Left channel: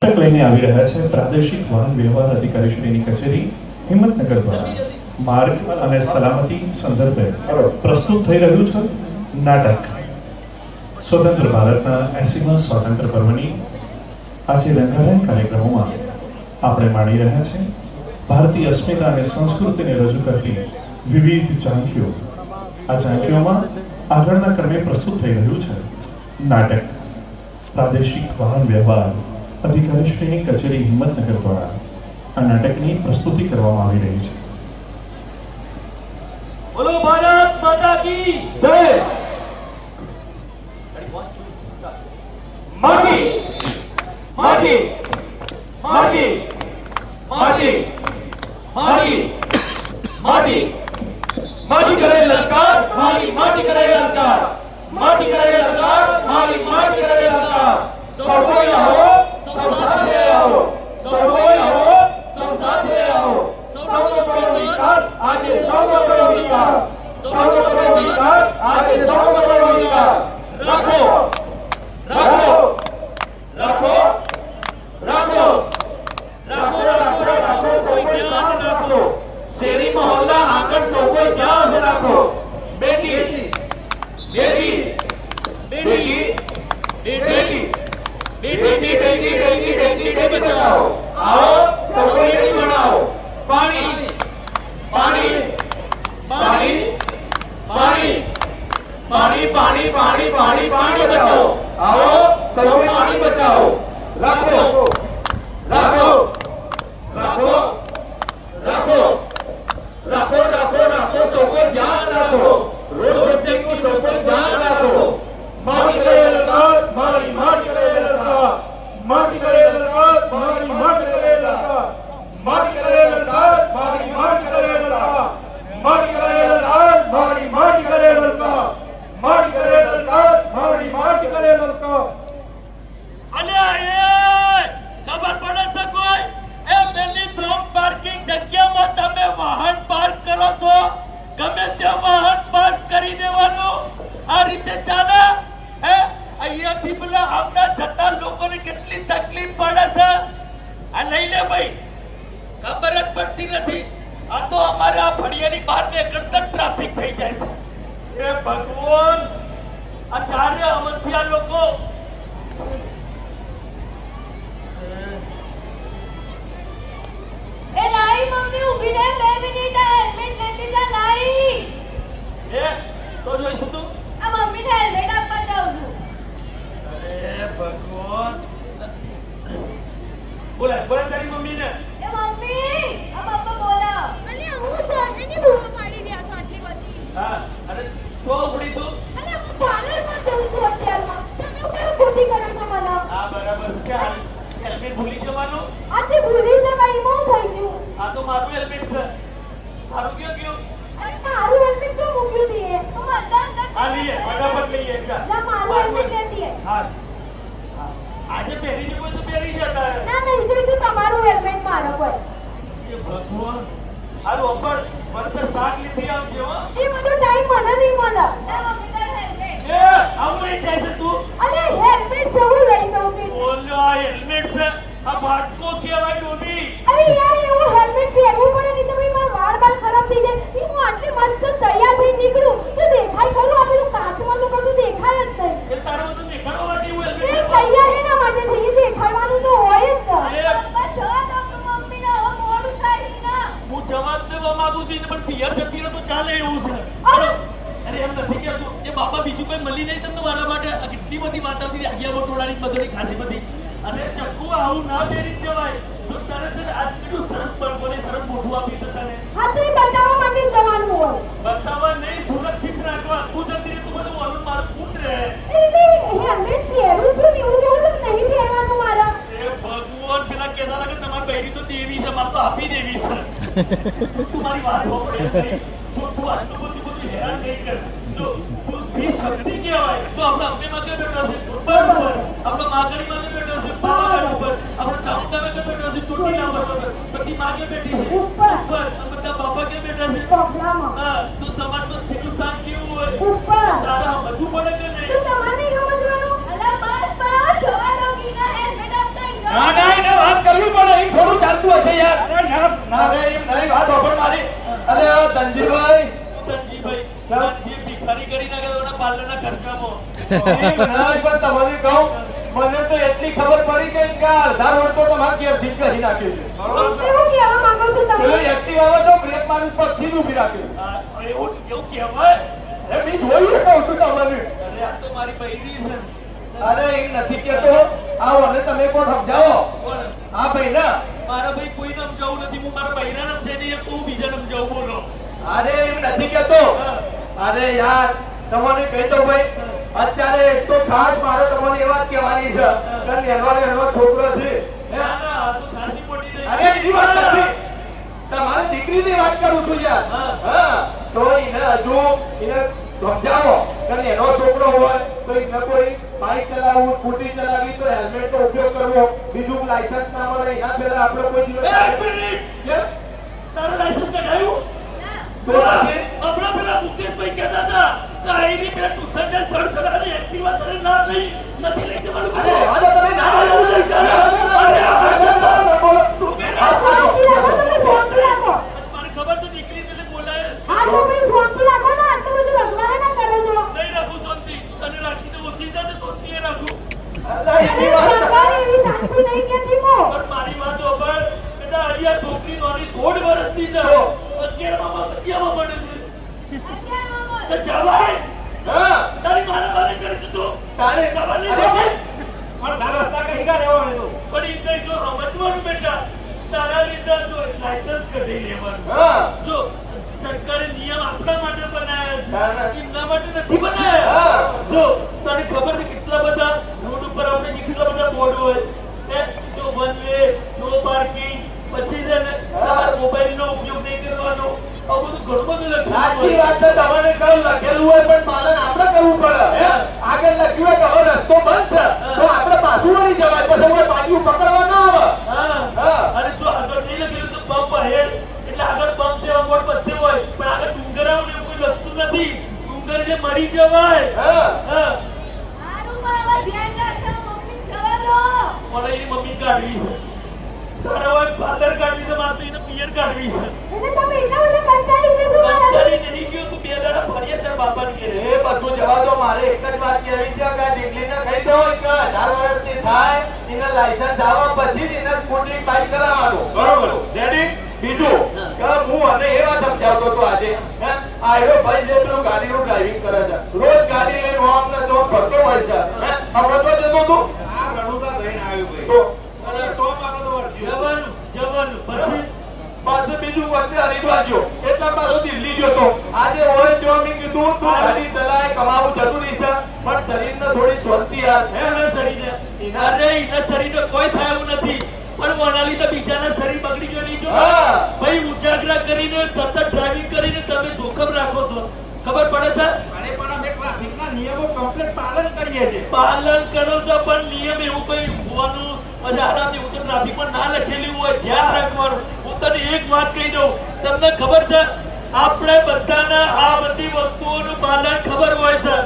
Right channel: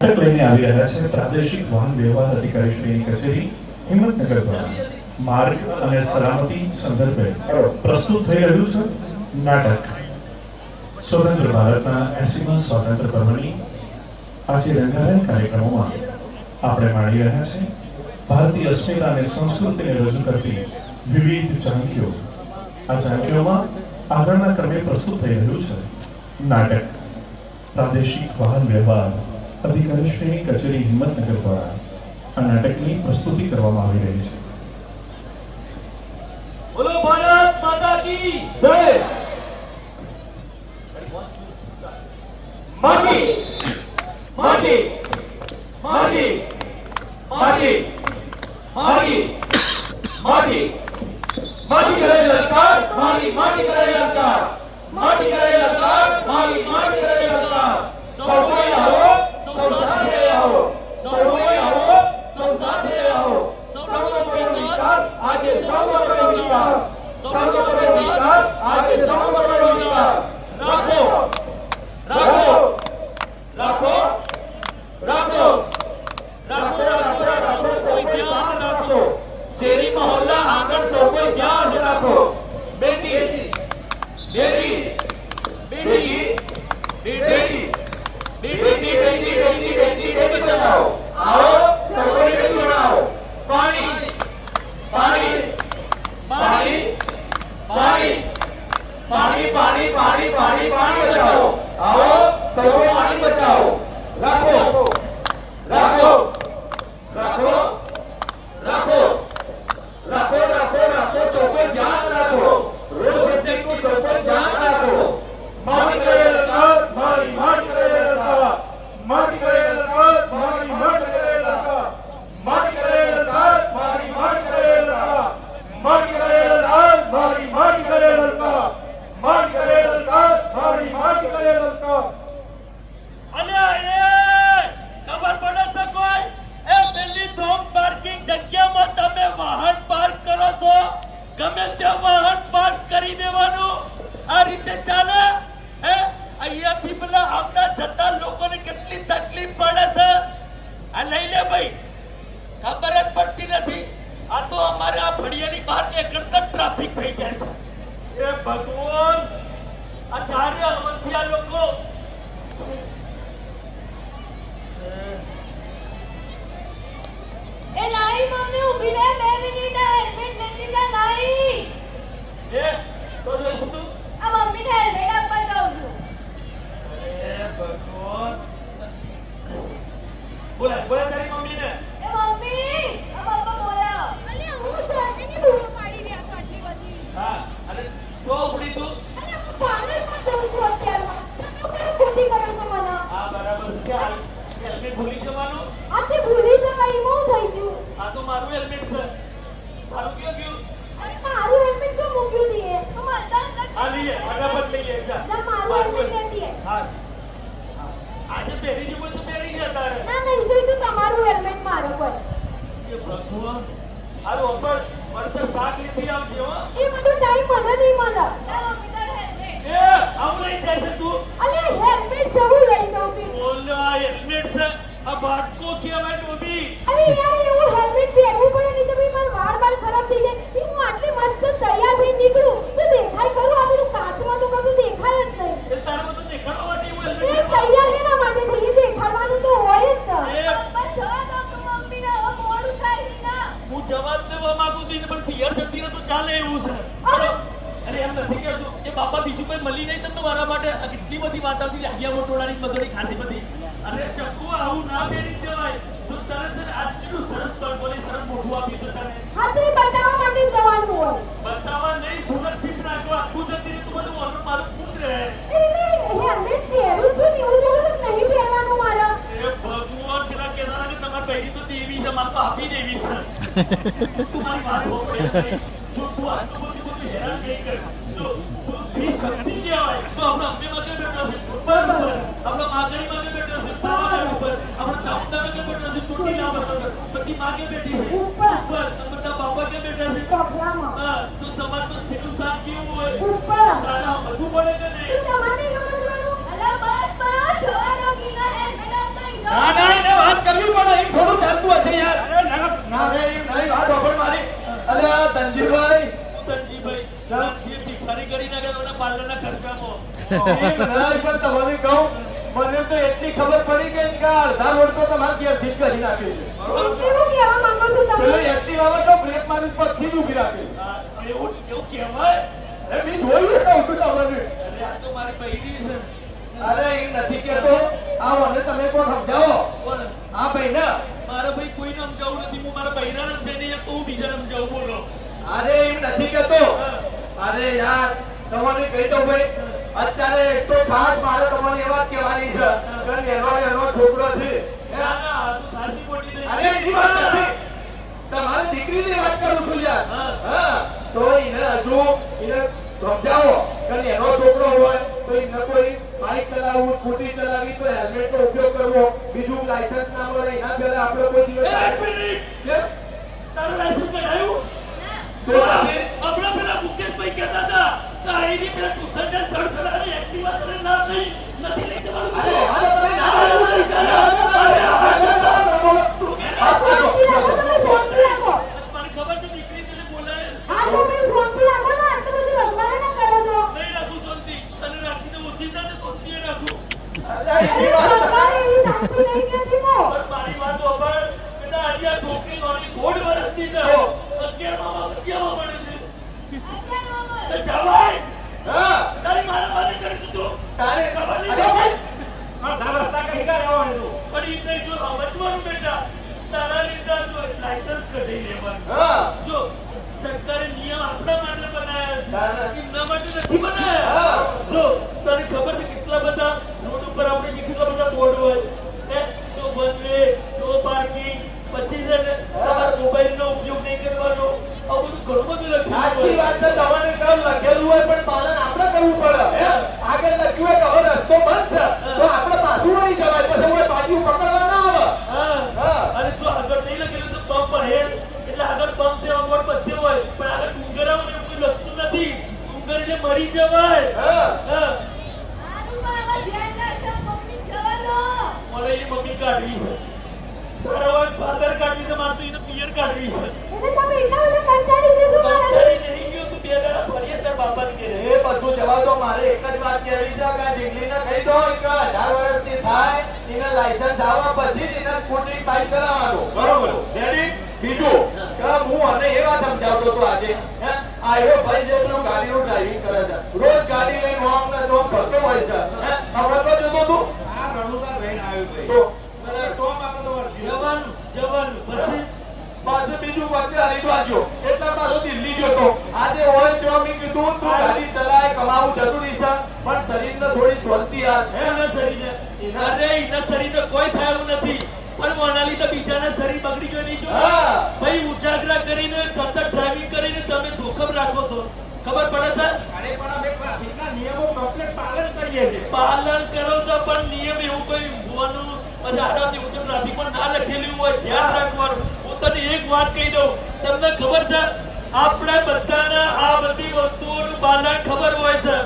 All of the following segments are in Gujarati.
લઈને આવી રહ્યા છે પ્રાદેશિક વાહન વ્યવહાર અધિકારીશ્રીની કચેરી હિંમતનગર દ્વારા માર્ગ અને સલામતી સંદર્ભે પ્રસ્તુત થઈ રહ્યું છે નાટક સ્વતંત્ર ભારતના 80મા સ્વાતંત્ર્ય પર્વની આજે રંગારંગ કાર્યક્રમોમાં આપણે માણી રહ્યા છીએ ભારતીય અસ્મિતા અને સંસ્કૃતિને રજૂ કરતી વિવિધ ઝાંખીઓ. આ ઝાંખીઓમાં આગળના ક્રમે પ્રસ્તુત થઈ રહ્યું છે નાટક પ્રાદેશિક વાહન વ્યવહાર અધિકારીશ્રીની કચેરી હિંમતનગર દ્વારા આ નાટકની પ્રસ્તુતિ કરવામાં આવી રહી છે. બોલો ભારત માતા કી જય. માટી માટી માટી માટી માટી માટી માટી કરે લલકાર મારી માટી કરે લલકાર માટી કરે લલકાર મારી માટી કરે લલકાર. સૌયા હો સૌસાથે હો સૌયા હો સૌસાથે હો સૌનો વિકાસ આજે સૌનો વિકાસ સૌનો વિકાસ આજે સૌનો વિકાસ. રાખો રાખો રાખો રાખો રાખો રાખો રાખો કોઈ ધ્યાન રાખો. શેરી મોહલ્લા આંગણ સૌ કોઈ ધ્યાન રાખો. બેટી બેટી બેટી બેટી बेटी बेटी बेटी बेटी बेटी बचाओ. आओ सब बेटी बढ़ाओ. पानी पानी पानी पानी पानी पानी पानी पानी पानी बचाओ. आओ सब पानी बचाओ. રાખો રાખો રાખો રાખો રાખો રાખો રાખો સૌ કોઈ ધ્યાન રાખો. રોડ સેફટી સૌ કોઈ ધ્યાન રાખો. માટી કરે લલકાર મારી માટી કરે લલકાર માટી કરે લલકાર મારી માટી કરે લલકાર માટી કરે લલકાર મારી માટી કરે લલકાર માટી કરે લલકાર મારી માટી કરે લલકાર માટી કરે લલકાર મારી માટી કરે લલકાર. અલ્યા એ ખબર પડે છે કોઈ? એ પેલી ડોમ પાર્કિંગ જગ્યામાં તમે વાહન પાર્ક કરો છો, ગમે તે વાહન પાર્ક કરી દેવાનું. આ રીતે ચાલે? અહીંયાથી પેલા આવતા જતા લોકોને કેટલી તકલીફ પડે છે. આ લઈ લે ભાઈ, ખબર જ પડતી નથી. આ તો અમારા ફળિયાની બહાર નીકળતા ટ્રાફિક થઈ જાય છે. એ ભગવાન, આ ચારે અમથિયા લોકો એ નાઈ મમ્મી ઊભી રહે 2 મિનિટ હેલ્મેટ લેતી જા નાઈ. એ તો જો તું આ મમ્મીને હેલ્મેટ આપવા જાઉં છું. અરે ભગવાન, બોલા બોલા તારી મમ્મીને. એ મમ્મી આ પપ્પા બોલા. અલી હું સાહેબની ભૂલ પાડી રહ્યા છો આટલી બધી. હા અરે તો ઉડી તું. અરે હું પાર્લરમાં જઉં છું અત્યારમાં. તમે કેમ ખોટી કરો છો મને? હા બરાબર છે. હેલ્મેટ ભૂલી જવાનું. આથી ભૂલી જવાય બહુ થઈ ગયું. આ તો મારું હેલ્મેટ છે. મારું ક્યાં ગયું? અરે મારું હેલ્મેટ જો મૂક્યું દીએ. તો આ લઈએ ફટાફટ લઈએ. જા ના મારું હેલ્મેટ લેતી હે. હા આજે પહેરી જવો તો પહેરી જતા. ના નહીં જોઈતું તમારું હેલ્મેટ મારો કોઈ. એ ભગવાન, આ રોકડ પડતે શાક લીધી આવજે હો. એ બધું ટાઈમ મને નહીં મળે. ના મમ્મી તાર હેલ્મેટ. એ આવું લઈ જાય છે તું. અલે હેલ્મેટ જરૂર લઈ જાઉં છું. બોલો આ હેલ્મેટ છે. આ વાટકો કહેવાય ડોબી. અરે યાર એવું હેલ્મેટ પહેરવું પડે નહીં તો ભાઈ મારા વાળ ખરાબ થઈ જાય. હું આટલી મસ્ત તૈયાર થઈ નીકળું તો દેખાય ખરું? આ પેલું કાચમાં તો કશું દેખાય જ નહીં. એ તારે બધું દેખાડવા માટે એવું એ હેલ્મેટ તૈયાર એના માટે થઈ દેખાડવાનું તો હોય જ ને. એ પપ્પા જવા દો તો મમ્મીને હવે મોડું થાય નહીં ના. હું જવાબ દેવા માંગુ છું પણ પિયર જતી રહે તો ચાલે એવું છે. અરે અરે એમ નથી કહેતું. એ બાપા બીજું કોઈ મળી નહીં તમને મારા માટે. આ કેટલી બધી વાત આવતી હતી. આગિયા મોટોડાની બધોડી ખાસી બધી. અને ચક્કુ આવું ના પહેરી જવાય. જો તરત જ આટલું સરસ પડકોની સરસ મોઢું આપી દે તને. હા તો એ બતાવવા માટે જ જવાનું હોય. બતાવવા નહીં, સુરક્ષિત રાખવા. તું જતી રહી તું બધું મારું મારું કુંડ રહે. એ હેલ્મેટ પહેરું છું ને એવું જોવું તો નહીં પહેરવાનું મારા. એ ભગવાન, પેલા કહેતા હતા કે તમારી બહેરી તો દેવી છે, મારે તો આપી દેવી છે. તું મારી વાત સાંભળે. તું આટલું બધું હેરાન નહીં કર. જો તું સ્ત્રી શક્તિ કહેવાય તો આપણે અમને માટે બેઠો છે બરાબર. આપણે માગણી માટે બેઠો છે પાવાગઢ ઉપર. આપણે ચામુંડા માટે બેઠો છે ચોટીલા ઉપર. બધી માગે બેઠી છે ઉપર. બધા બાપા કે બેઠા છે. હા તો સમાજમાં સ્થિતિ સાથ કેવું હોય ઉપર. તારા સમજવું પડે કે નહીં? તો તમારે સમજવાનું. અલા બસ બસ જવા દો. બીના હેલ્મેટ આપતા છે યાર. અરે એમ નહીં, વાત સાંભળ મારી. અરે ધનજીભાઈ, ધનજી ભિખારી કરી નાખે તો પાર્લરના ખર્ચામાં. એમ નહીં, પણ તમને કહું, મને તો એટલી ખબર પડી કે આ અડધા રોડ તો તમારા ઘેરથી જ કરી નાખ્યો છે. એવું કહેવા માંગો છો પેલો તમે? એક્ટિવા તો બ્રેક મારી પગથી જ ઊભી રાખ્યો. એવું કહેવાય? એ બી જોયું કહું છું તમને. અરે આ તો મારી બૈરી છે. અરે એમ નથી કહેતો. આવો અને તમે કોણ સમજાવો. બોલ. આ ભાઈ ના. મારા ભાઈ કોઈને સમજાવું નથી. હું મારા બૈરાને સમજાય નહીં તો હું બીજાને સમજાવું. બોલો. અરે એમ નથી કહેતો. અરે યાર તમને કહી દઉં ભાઈ, અત્યારે એક તો ખાસ મારે તમને એ વાત કહેવાની છે કે એનો છોકરો છે. ના ના આ તો ખાસી મોટી થઈ. અરે એની વાત નથી, તમારી દીકરીની વાત કરું છું યાર. હા તો એને હજુ એને સમજાવો કે એનો છોકરો હોય તો એને કોઈ બાઇક ચલાવવું, સ્કૂટી ચલાવવી તો હેલ્મેટ નો ઉપયોગ કરવો, બીજું લાયસન્સ ના મળે એના પહેલા આપણે કોઈ દિવસ એક મિનિટ. કેમ? તારું લાયસન્સ કઢાયું? તો આજે હમણાં પેલા મુકેશભાઈ કહેતા હતા કે અહીંની પેલા ટ્યુશનને સડસડાની એક્ટિવા તને ના લઈ નથી લઈ જવાનું અરે કીધું. આજે તમે ના, એવું નહીં ચાલે. અરે આ તું બેટા. શાંતિ રાખો, તમે શાંતિ રાખો. મને ખબર છે દીકરી તને બોલાય. આ તમે શાંતિ રાખો ને, આટલું બધું રંગમાયા ના કરો છો. નહીં રાખું શાંતિ. તને રાખી તો ઓછી છે ને શાંતિ એ રાખું. અરે ભગવાન, એવી શાંતિ નહીં કહેતી હું. પણ મારી વાત સાંભળ. બેટા હજી આ છોકરી નોની થોડ વર્ષની છે. 11માં 11માં ભણે છે. તો જવાય. હા તારી મારા મારે ચડીશું તું. તારે ખબર નહીં અરે પડતી. પણ તારા રસ્તા કઈ કા રહેવા માંડ્યો? પણ ઈ તો જો સમજવાનું બેટા. તારા લીધે જો લાયસન્સ કઢાઈ લેવાનું. હા જો સરકારે નિયમ આપણા માટે બનાવ્યા ના. છે. એમના માટે નથી બનાવ્યા. હા. જો તને ખબર છે કેટલા બધા રોડ ઉપર આપણે કેટલા બધા બોર્ડ હોય. જો વન વે, નો પાર્કિંગ, પછી છે ને તમારા મોબાઈલનો ઉપયોગ નહીં કરવાનો. આ બધું ઘણું બધું સાચી લખેલું વાત છે. તમારે કામ લખેલું હોય પણ પાલન આપણે કરવું પડે. આગળ લખ્યું હોય કે હવે રસ્તો બંધ છે તો આપણે પાછું વળી જવાય, પછી કોઈ પાછું પકડવા ના આવે. હા. હા. અને જો આગળ નહીં લખેલું તો પંપ ahead. એટલે આગળ પંપ છે બોર્ડ બધે હોય. પણ આગળ ડુંગર આવે ને એવું કોઈ લખતું નથી. ડુંગર એટલે મરી જવાય. હા. હા. આનું પણ હવે ધ્યાન રાખજો, મમ્મી જવા દો. મને એની મમ્મી કાઢવી છે. તારા વાત ફાધર કાઢવી છે, મારે તો એને પિયર કાઢવી છે. એટલે તમે એટલા બધા કંટાળી જશો મારાથી? કંટાળી નહીં ગયો તું બે દાડા ફરીએ તાર બાપાને ઘેરે. એ બધું જવા દો. મારે એક જ વાત કહેવી છે કે આ દીકરીને કહી દો કે 18 વર્ષની થાય એને લાયસન્સ આવવા પછી જ એને સ્કૂટરિંગ બાઇક ચલાવવાનું. બરોબર. રેડી? બીજું કે હું મને એ વાત સમજાવતો હતો આજે. આ એવો ભાઈ જે પેલું ગાડીનું ડ્રાઇવિંગ કરે છે, રોજ ગાડી લઈને આમને જો ફરતો હોય છે. હમણાં તો જતો તું આ રણુકા લઈને આવ્યો ભાઈ. તો મને તો માનો તો જવાનું જવાનું પછી પાછું બીજું વચ્ચે હરિદ્વાર ગયો. એટલા પાછો દિલ્હી ગયો તો. આજે હોય ત્યાં મેં કીધું તું ગાડી ચલાય, કમાવું જરૂરી છે પણ શરીરને થોડી શાંતિ આપ. એના શરીરને અરે એના શરીરને કોઈ થયું નથી. પણ કોના લીધે બીજાના શરીર બગડી ગયો નહીં જો. હા. ભાઈ ઉજાગરા કરીને સતત ડ્રાઇવિંગ કરીને તમે જોખમ રાખો છો. ખબર પડે છે? અરે પણ અમે ટ્રાફિકના નિયમો કમ્પ્લીટ પાલન કરીએ છીએ. પાલન કરો છો પણ નિયમ એવું કોઈ ઊંઘવાનું અને આરામથી હું તો ટ્રાફિકમાં ના લખેલું હોય ધ્યાન રાખવાનું. હું તને એક વાત કહી દઉં. તમને ખબર છે આપણે બધાના આ બધી વસ્તુઓનું પાલન ખબર હોય છે.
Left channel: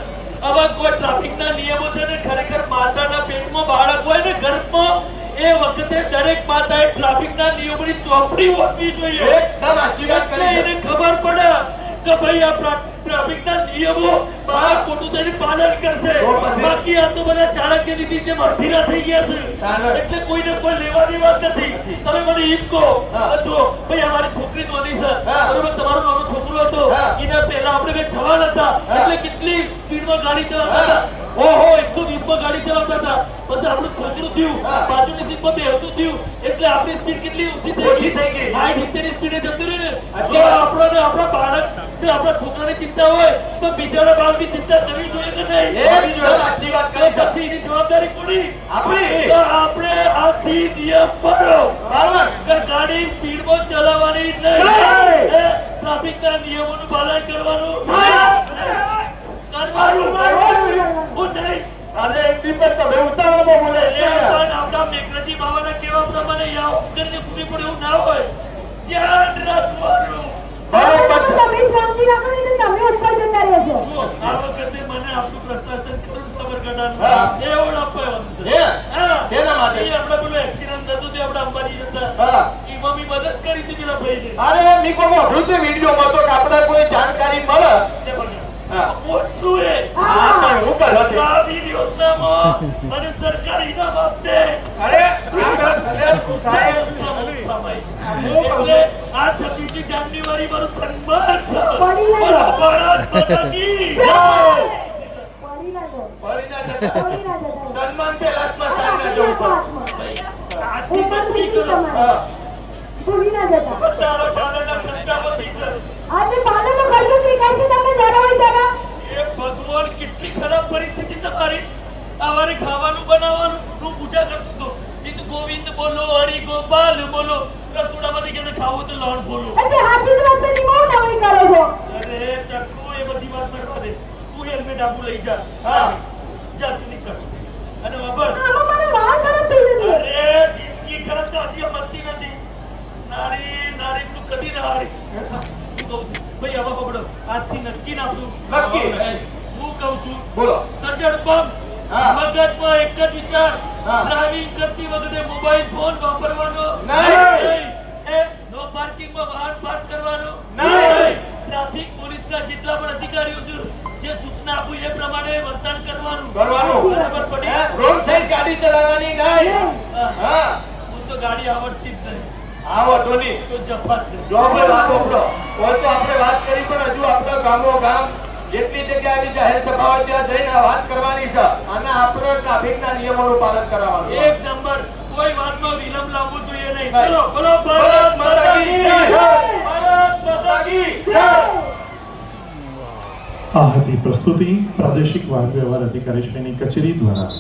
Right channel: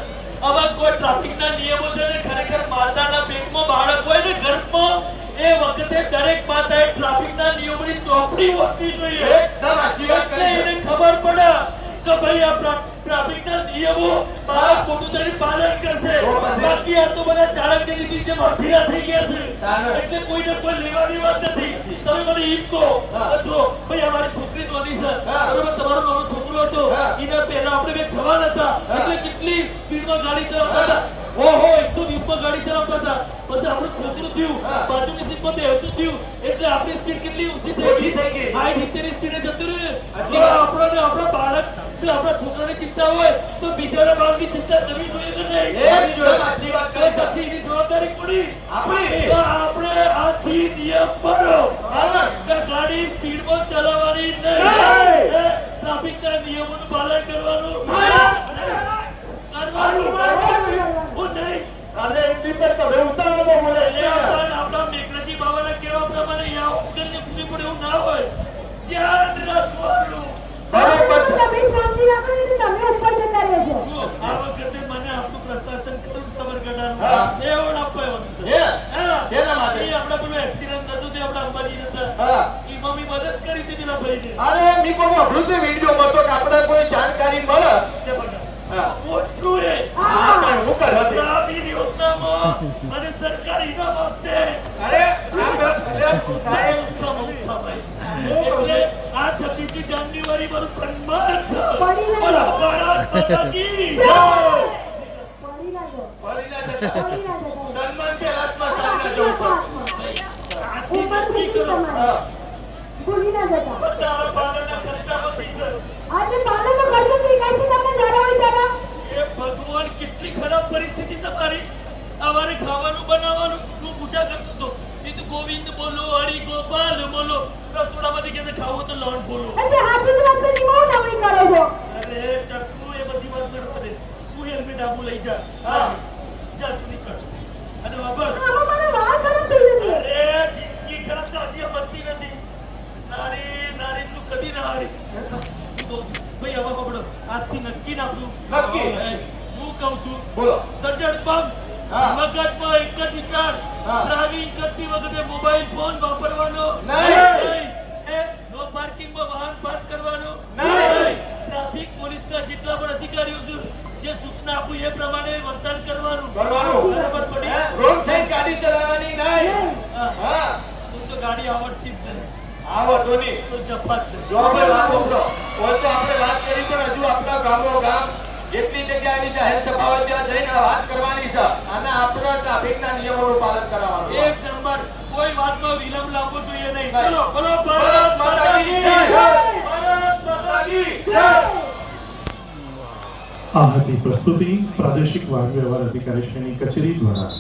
હવે કોઈ ટ્રાફિકના નિયમો છે ને ખરેખર માતાના પેટમાં બાળક હોય ને ગર્ભમાં એ વખતે દરેક માતાએ ટ્રાફિકના નિયમોની ચોપડી વાંચવી જોઈએ. એકદમ સાચી વાત એટલે કરી. એને ખબર પડે કે ભાઈ આ ટ્રાફિકના નિયમો બાળક મોટું થઈને પાલન કરશે. તો પછી? બાકી આ તો બધા ચાણક્યની રીતે માથીના થઈ ગયા છે. ચાલો. એટલે કોઈને કોઈ લેવાની વાત નથી. તમે મને એમ કહો હા. જો ભાઈ અમારી છોકરી નોની છે હા. બરોબર, તમારો નાનો છોકરો હતો હા. એના પહેલા આપણે બે જવાન હતા હા. એટલે કેટલી સ્પીડમાં ગાડી ચલાવતા હતા. ઓહો 120 માં ગાડી ચલાવતા હતા. પછી આપણું છોકરું થયું, હા. બાજુની સીટમાં બેહતું થયું એટલે આપણી સ્પીડ કેટલી ઓછી ઓછી થઈ થઈ ગઈ. ગઈ. 60-70 ની સ્પીડે જતું રહ્યું ને. સાચી જો વાત. આપણને આપણા બાળક ને આપણા છોકરાની ચિંતા હોય તો બીજાના બાળકની ચિંતા કરવી જોઈએ કે નહીં? એકદમ સાચી વાત તો કરી. પછી એની જવાબદારી કોની? આપણી. તો આપણે આથી નિયમ પાડો પાલન. કે ગાડી સ્પીડમાં ચલાવવાની નહીં. નહીં. ટ્રાફિકના નિયમોનું પાલન કરવાનું નહીં. કરવાનું હું નહીં. અરે એક દીપક તમે ઉતાવળમાં બોલે એટલે પણ આપણા મેઘરાજી બાબાના કહેવા પ્રમાણે યા ઉપકરણને કૂદી પડે એવું ના હોય. ધ્યાન રાખવાનું. બરોબર છે. તમે શાંતિ રાખો ને તો તમે ઉપર જતા રહેશો. જુઓ, આ વખતે મને આપણું પ્રશાસન ખરું સાબરકાંઠાનું હા. એવોર્ડ આપવાનો છે. હે? હા. શેના માટે? એ આપણે પેલું એક્સિડન્ટ થતું તે આપણે અંબાજી જતા હા. એમાં મારી મદદ કરી હતી પેલા ભાઈને. અરે મી પણ આપણું તે વિડીયોમાં તો કે આપણે કોઈ જાણકારી મળે તે બગા. હા. ઓછું એ. પણ હું કરે છે? આ વીર યોજનામાં મને સરકાર ઇનામ આપશે. અરે સાહેબ એટલે આ 26મી જાન્યુઆરી મારું સન્માન છે. પડી ના બોલો જાઓ. ભારત માતા કી જય. પડી ના જાઓ. પડી ના પડી જતા. ના જાઓ. સન્માન કે હાથમાં સારી ના જવું પડે. આજથી નક્કી કરો. હા. ભૂલી ના જતા. તારા બાળકના ખર્ચા વધી છે. આજે પાલનનો ખર્ચો દેખાય છે તમને જ્યારે હોય ત્યારે. એ ભગવાન કેટલી ખરાબ પરિસ્થિતિ છે મારી. અમારે ખાવાનું બનાવવાનું હું પૂજા કરતો હતો. એ તો ગોવિંદ બોલો, હરિ ગોપાલ બોલો. રસોડામાંથી કહે છે ખાવું તો લોન બોલો. એટલે હાથી દિવસની બહુ નવાઈ કરો છો. અરે ચક્કુ એ બધી વાત કરવા દે. તું હેલ્મેટ આબુ લઈ જા. હા. જા તું નીકળ. અને બાબર આમાં મારો વાળ ખરાબ થઈ જશે. અરે જિંદગી ખરાબ તો હજી મળતી નથી. નારી નારી તું કદી ના હારી. હું કહું છું ભાઈ આવા પકડો. આજથી નક્કી ના આપણું નક્કી. હું કહું છું બોલો. સજ્જડ બમ હા. મગજમાં એક જ વિચાર. હા. ડ્રાઇવિંગ કરતી વખતે મોબાઈલ ફોન વાપરવાનો નહીં. નો પાર્કિંગમાં વાહન પાર્ક કરવાનો નહીં. ટ્રાફિક પોલીસના જેટલા પણ અધિકારીઓ છે જે સૂચના આપું એ પ્રમાણે વર્તન કરવાનું. કરવાનું. બરાબર પડી? રોડ સાઈડ ગાડી ચલાવવાની નહીં. હા. હા. હું તો ગાડી આવડતી જ નહીં. આવો ધોની. તો જફાત નહીં. જો આપણે વાત કરો તો આપણે વાત કરી પણ હજુ આપણા ગામો ગામ જેટલી જગ્યા આવી જાહેર સભાઓ ત્યાં જઈને વાત કરવાની છે અને આપણે ટ્રાફિકના નિયમોનું પાલન કરાવવાનું. એક નંબર કોઈ વાતમાં વિલંબ લાવવો જોઈએ નહીં. નહીં. ચલો બોલો ભારત ભારત માતા કી જય. ભારત માતા કી જય. આ હતી પ્રસ્તુતિ પ્રાદેશિક વાહન વ્યવહાર અધિકારી શ્રીની કચેરી દ્વારા.